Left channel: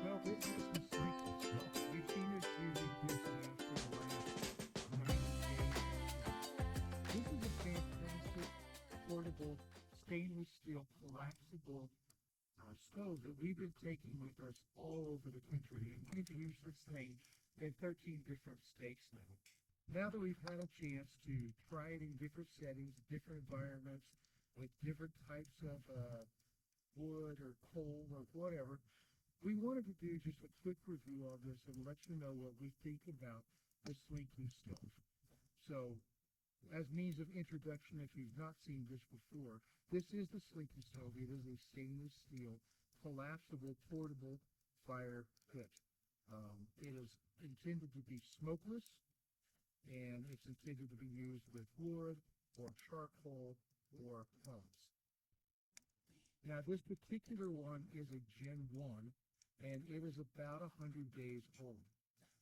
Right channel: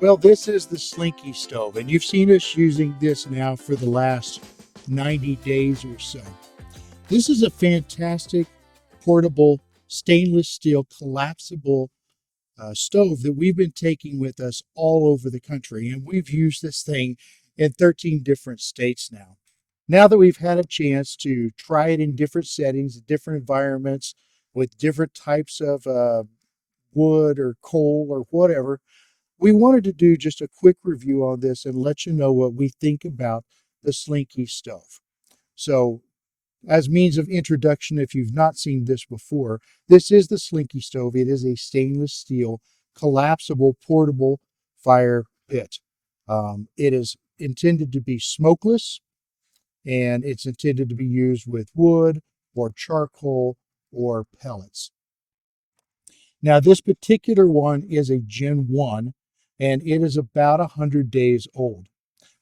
Well, this is the Slinky Stove, and you've seen us using this now for the last 90 days or so. This is a fantastic portable stainless steel collapsible stove that we've been taking with us all over the country, and we've used this thing in 13 different states now. Now that we've had a chance to try it in different settings, different environments, with different types of wood or coal or whatever, we wanted to do just a quick review on this and let you know what we think about the Slinky Stove. So, as means of introduction, if you've not seen this before, this is the Slinky Stove. It is a stainless steel collapsible portable fire pit. It is intended to be smokeless, and it's intended to be used with wood or charcoal or pellets. Now, this particular one is a Gen 1, and it is about 100 days old.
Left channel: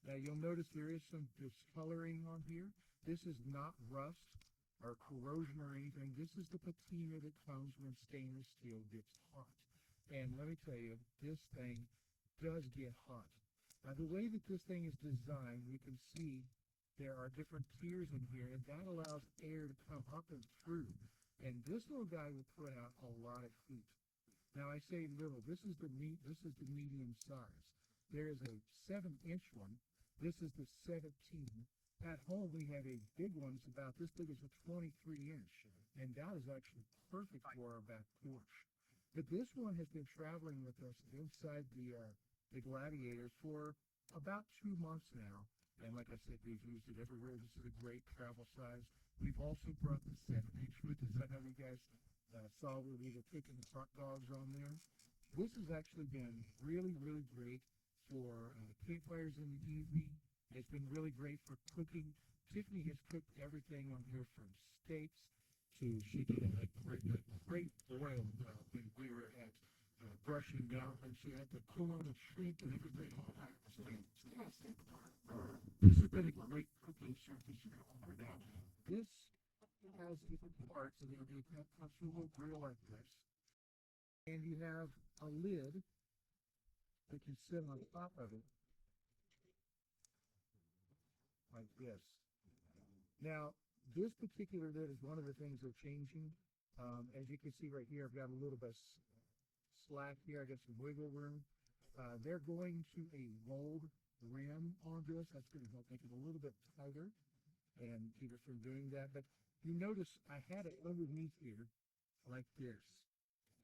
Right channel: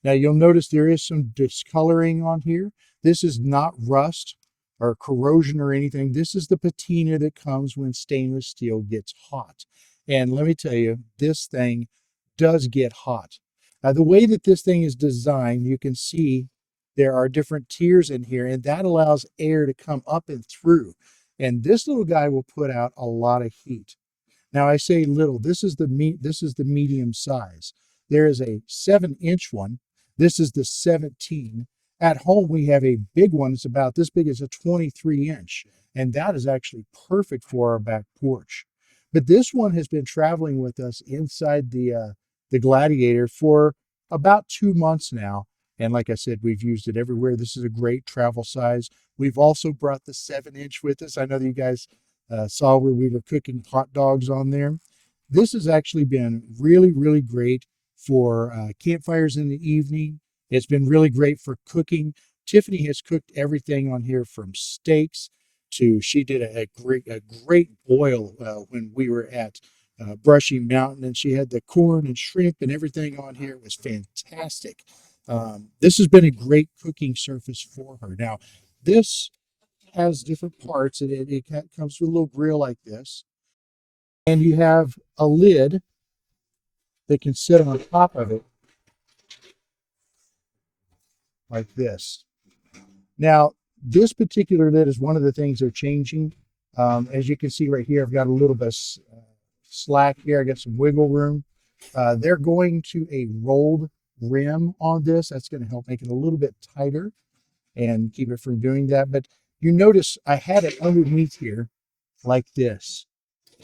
Now, you'll notice there is some discoloring on here. This is not rust or corrosion or anything. This is the patina that comes when stainless steel gets hot. And let me tell you, this thing does get hot. Now, the way that this thing is designed, you can see there are different tiers in here, and that allows air to come up and through. And this little guy will put out a lot of heat. Now, I say little, this is the medium size. There is a 7-inch one. This is the 17. At home, we have a big one. It's about this big as a 23-inch, and that is actually perfect for our back porch. But this one has been traveling with us inside the Gladiator for about 2 months now. And like I said, we've used it everywhere. This is a great travel size. We've also brought the 7-inch with us. I know that you guys saw where we were cooking hot dogs on there. This has actually been really, really great for campfires in the evening. It's been really great for cooking. Tiffany has cooked everything on here from steaks to, she did a great boil when we were at Brushy Mountain, and she had the corn and shrimp and everything on here. It was fantastic. This has been a great cooking surface for her. Now, this has different parts, and it comes with a little grill like this. And you have a lid that can sit on top of it like this. Now, this particular lid is one of the things they're changing. As you can see right here, I've got a little bit of slack here. I got some wiggle room. They're going to a rolled rim on this. That's going to help make it a little bit tighter and keep it from doing that. But you notice I had it underneath here like this.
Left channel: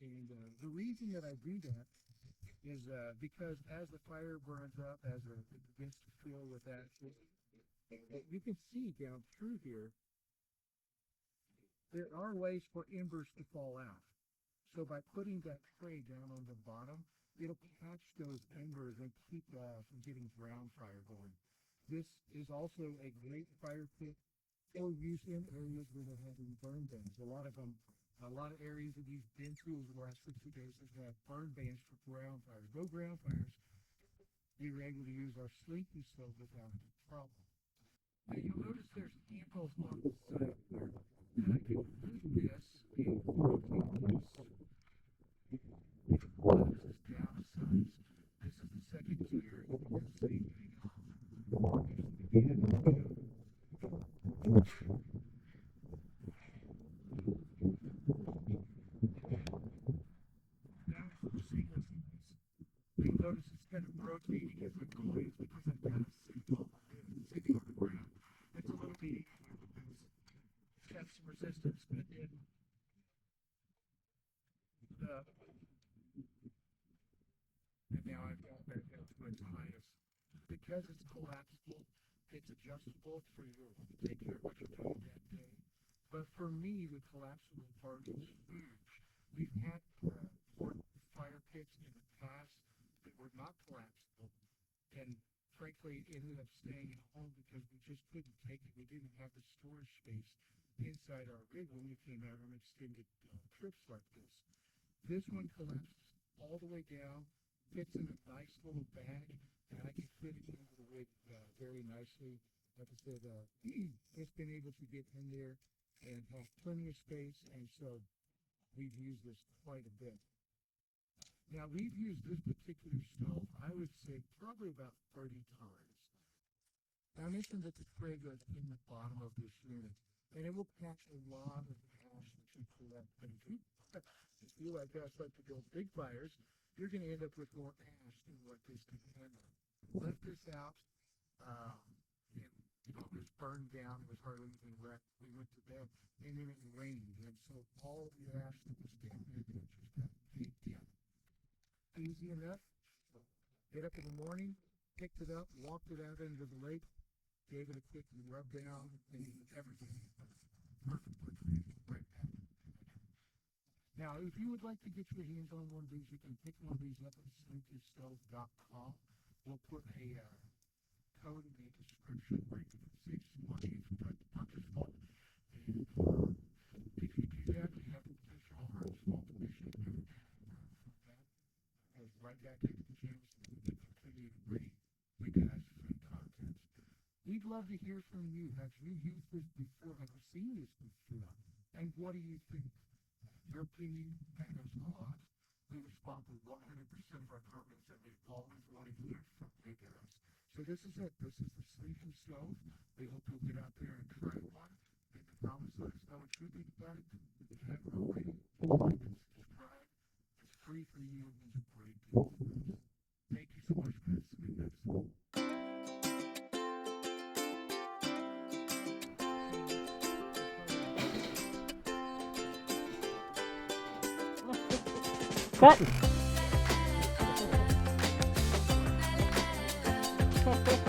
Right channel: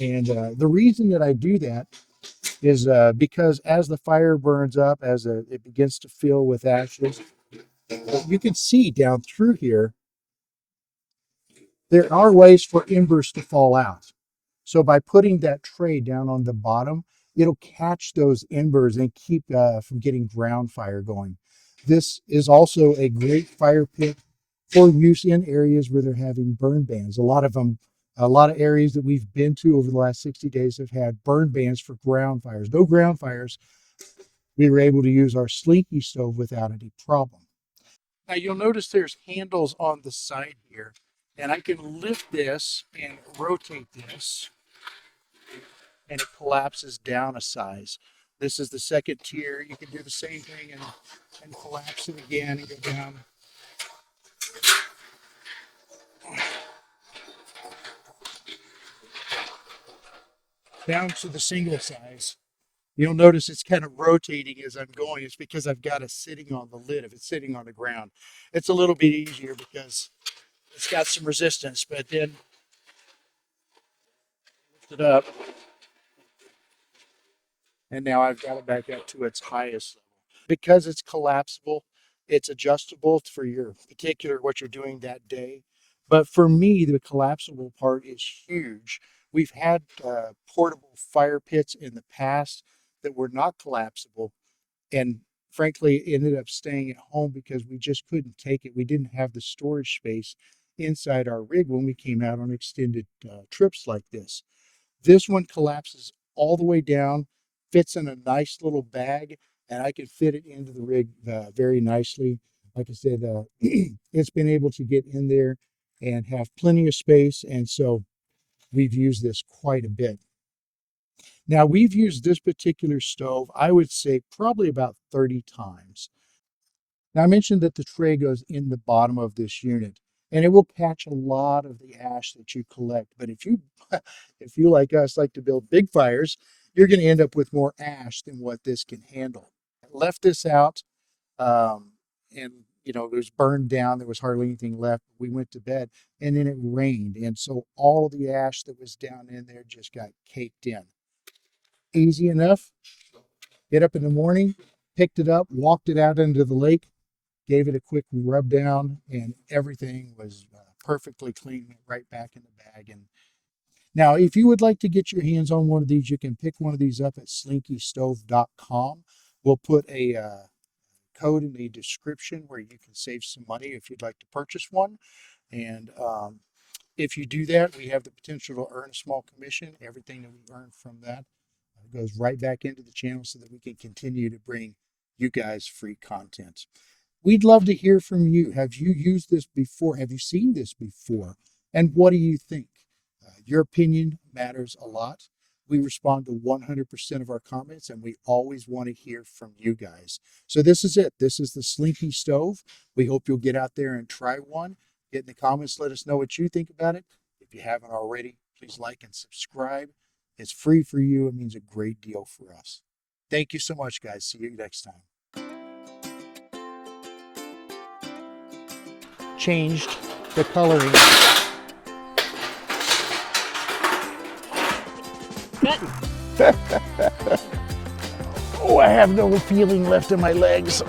And the reason that I do that is because as the fire burns up, as it begins to fill with ashes, you can see down through here, there are ways for embers to fall out. So by putting that tray down on the bottom, it'll catch those embers and keep from getting ground fire going. This is also a great fire pit for use in areas where they're having burn bans. A lot of areas that we've been to over the last 60 days have had burn bans for ground fires. No ground fires. We were able to use our Slinky Stove without any problem. Now you'll notice there's handles on the side here, and I can lift this and rotate this, and it collapses down a size. This is the second tier. You can do the same thing and collapse it again and go down. Down to the single size. You'll notice it's kind of rotating as I'm going. It's because I've got it sitting on the lid. If it's sitting on the ground, it's a little bit easier because it's got some resistance, but then lift it up, and now I've got it back up to its highest level. Because it's collapsible, it's adjustable for your particular what you're doing that day. But for me, the collapsible part is huge. We've had portable fire pits in the past that were not collapsible, and frankly ended up staying at home because we just couldn't take it. We didn't have the storage space inside our rig when we came out on extended trips like this. This one collapses all the way down, fits in a nice little bag, and I can fit it into the rig very nicely. Like I said, it's been able to get in there and have plenty of space, and so we've used this quite a bit. Now, we've used this particular stove, I would say probably about 30 times. Now, I mentioned that the tray goes in the bottom of this unit, and it will catch a lot of the ash that you collect. But if you, if you like us like to build big fires, you're going to end up with more ash than what this can handle. Left this out, and it was burned down. There was hardly anything left. We went to bed, and then it rained, and so all the ash that was down in there just got caked in. Easy enough. Get up in the morning, picked it up, walked it out into the lake, gave it a quick rub down, and everything was perfectly clean, right back in the bag. And now, if you would like to get your hands on one of these, you can pick one of these up at slinkystove.com. We'll put a code in the description where you can save some money if you'd like to purchase one. And if you do that, we have the potential to earn a small commission. Everything that we earn from that goes right back into the channel so that we can continue to bring you guys free content. We'd love to hear from you. Have you used this before? Have you seen this before? And what do you think? Your opinion matters a lot. We respond to 100% of our comments, and we always want to hear from you guys. So this is it. This is the Slinky Stove. We hope you'll get out there and try one. Get in the comments. Let us know what you think about it. If you haven't already, please like and subscribe. It's free for you. It means a great deal for us. Thank you so much, guys. See you next time. Changed the coloring. Oh, I have no feeling left in my legs.